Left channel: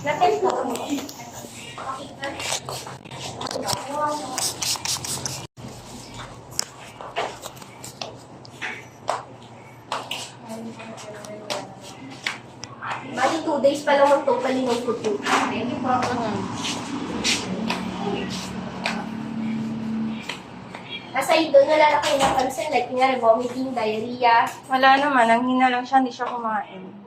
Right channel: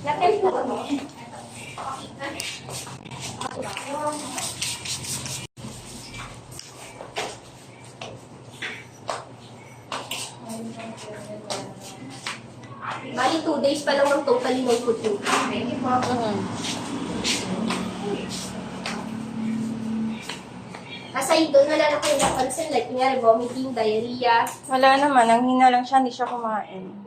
Natin po kami. Bali, 2 days pa lang ang totally no food po. Aside doon, wala na kayo napansin, like, nga, vomiting, diarrhea. Wala naman, ang hina lang siya, hindi siya kumain.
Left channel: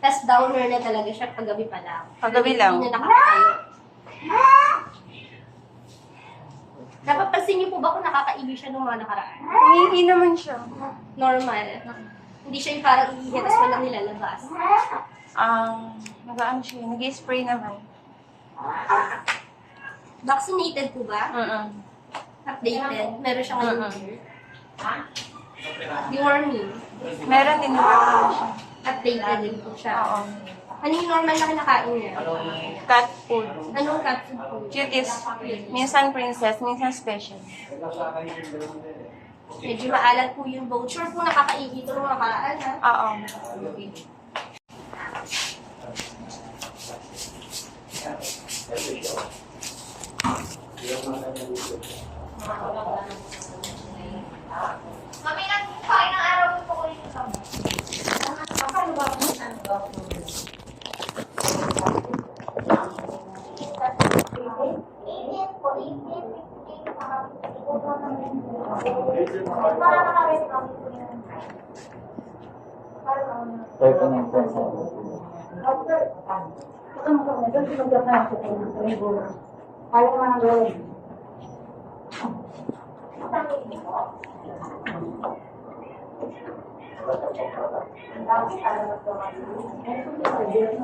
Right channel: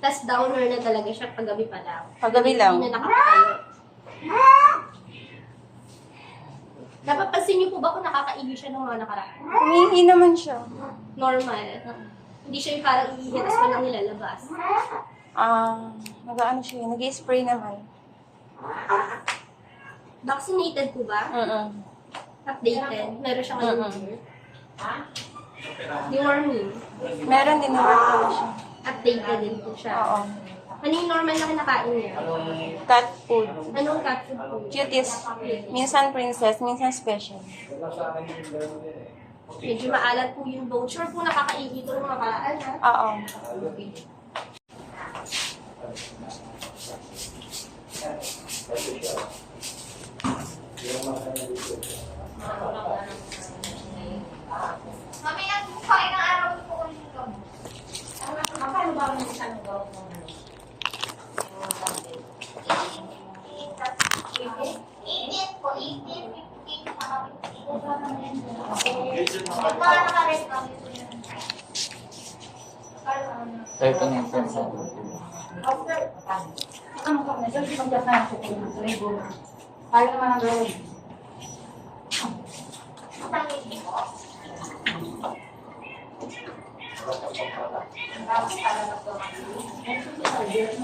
Tapos downer na talaga siya paggabi pa lang. Paggabi lang. Hindi na nakakatayo. Napapansin niyo po ba kung nakakaiwi siya nung mga nakaraan? Humihingi naman siya. Normal. Hindi siya yung parang iihi, tapos walang nilalabas. Nag-ano siya, nag-spray naman. Vaccinated po ba? Updated? Meron siya ngayon here? Deworming? Meron din naman siya. Updated din po siya. Oo. Ano yung normal na kinakain niya? Cat food. Anong cat food po? Cuties. Minsan princess, minsan special. Medyo maalat po yung bone. Sure po nakakaihi ko nung nakaraan, ha? Oo. Mami, nagpain ng araw ko ko rin sa mo. Paano ba kung saan ba?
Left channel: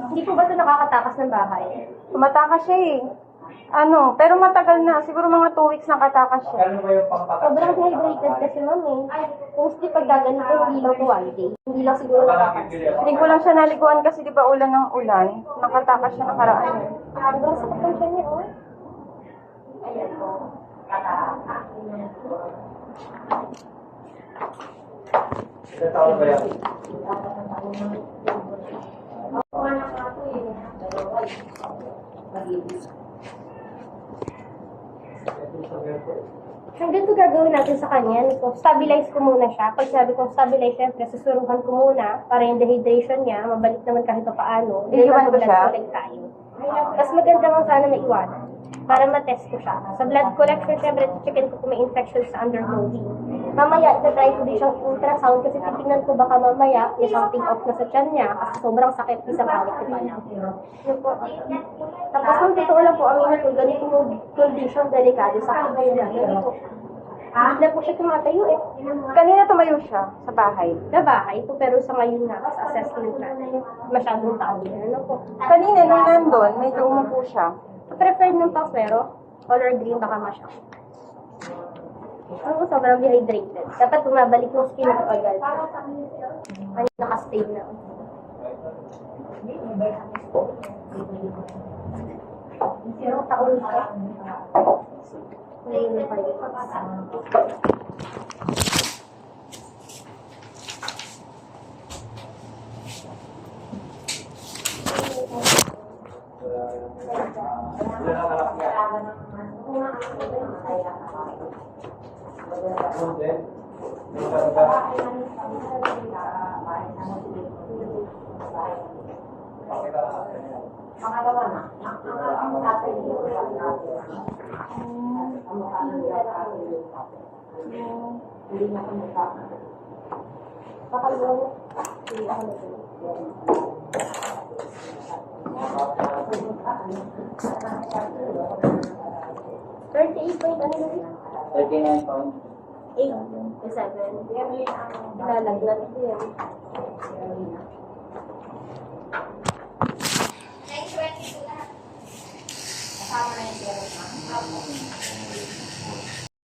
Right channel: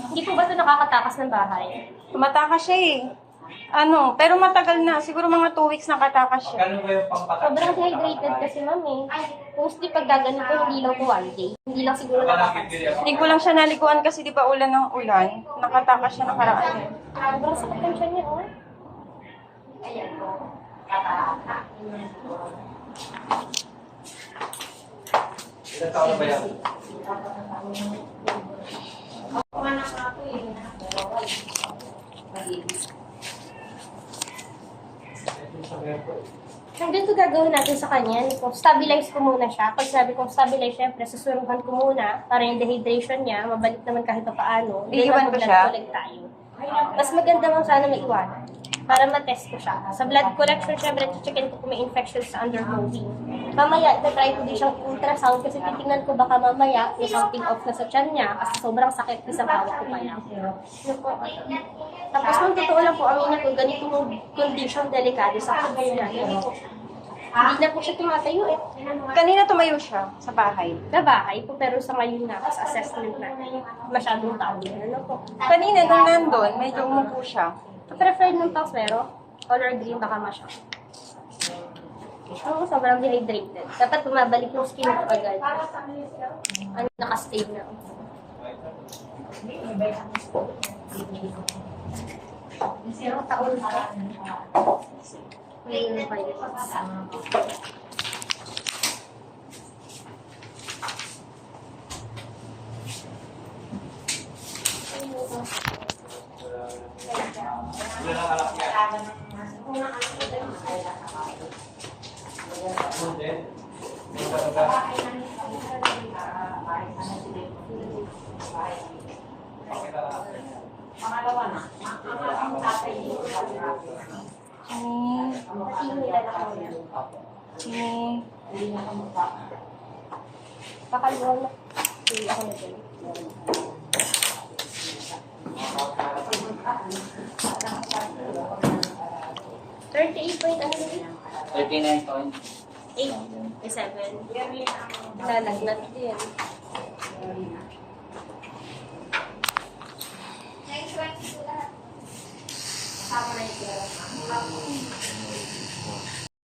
Hindi po ba ito nakakatakas ng bahay? Tumatakas siya eh. Pero matagal na. Siguro mga 2 weeks nakatakas siya. Sobrang dehydrated kasi, mami. Mostly pag gaganito, hindi lang 1 day. Hindi lang siguro nakatakas. Hindi ko lang siya naliguan kasi di ba ulan ng ulan. Nakatakas siya nakaraan eh. Sobrang sakit ang siya niya, oh. Hanggang ito gagawin natin sa kanya, kung stabilize ko muna siya. Pag sabi kong stabilize, syempre, susuruhan ko muna para yung dehydration niya, mabalik naman kahit pa paano. Iiwan ko siya? Collect tayo. Mas maganda bang sana may iwanan para matest ko siya. Sa blood collection, syempre, checkin ko kung may infection sa undergoing. Mamaya, try ko din siyang ultrasound kasi titingnan ko baka mamaya may something off na sa tiyan niya kasi sobrang sakit isang hawak ko pa yan. Tapos kung totoo lang po, aminin ko ganito yung condition delikado sa kids niya. Ganito. Hindi na po siya tumatayo eh. Kanina tumayo siya sa bahay. Sa bahay po, pero sa ngayon nga, sa assessment natin, masyadong tao. Ano po? Kanina nung nandun, medyo umupo siya. Preferred ng Paxero, color green baka masya. Oo, sobrang dehydrated. Dapat bumabalik yung skin ko agad. Ano, nakastay na. Zero taon ka. Ngayon na kayo. Pangalawa na, ang tatay dito hindi na kumukha. Pakalawang. Hindi ako naging. 38 point ano na yun? 39.8. 8, 7. Lalagnat din.